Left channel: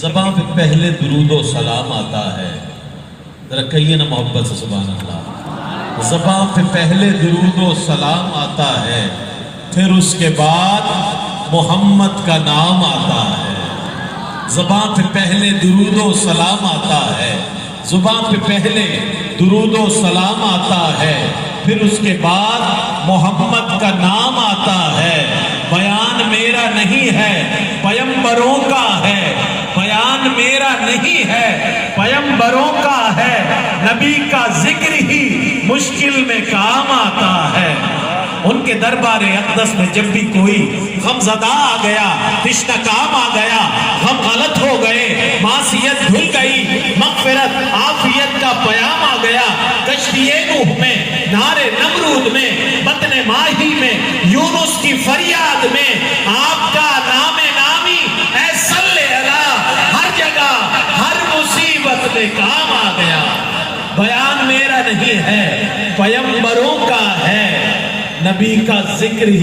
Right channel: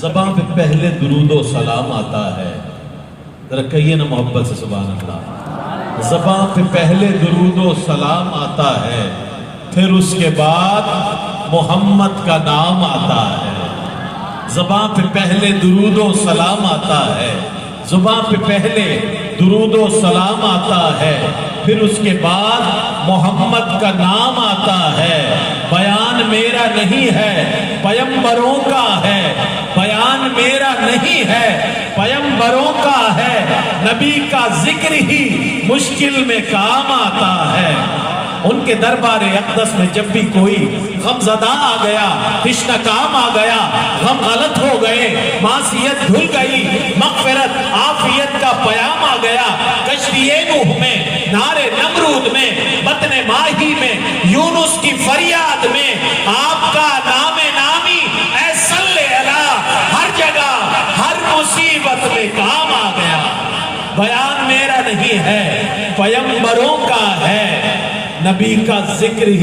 زبان پہ پہلے درود و سلام آتا ہے، ذرا کہیے نا محبت سے سبحان اللہ۔ زبان پہ پہلے درود و سلام آتا ہے، پھر اس کے بعد محمد کا نام آتا ہے۔ زبان پہ پہلے درود و سلام آتا ہے، زبان پہ پہلے درود و سلام آتا ہے، پھر اس کے بعد محمد کا نام آتا ہے۔ بیان میرا نہیں ہے، پیغمبروں کا ہے، بیان میرا نہیں ہے، پیغمبروں کا ہے، نبی کا ذکر ہی مشکل میں کام آتا ہے۔ ان کے دربار اقدس میں جب بھی کوئی غم زدہ آ گیا، تشنہ کام آ گیا، غم غلط ہو گئے، معصیت دھل گئی، مغفرت عافیت کا پیام آ گیا، کشتی نوح میں، نار نمرود میں، بطن ماہی میں، یونس کی فریاد میں، آپ کا نام نامی اے صلی اللہ ہر جگہ ہر مصیبت میں کام آ گیا۔ بیان میرا نہیں ہے، پیغمبروں کا ہے، نبی کا ذکر ہی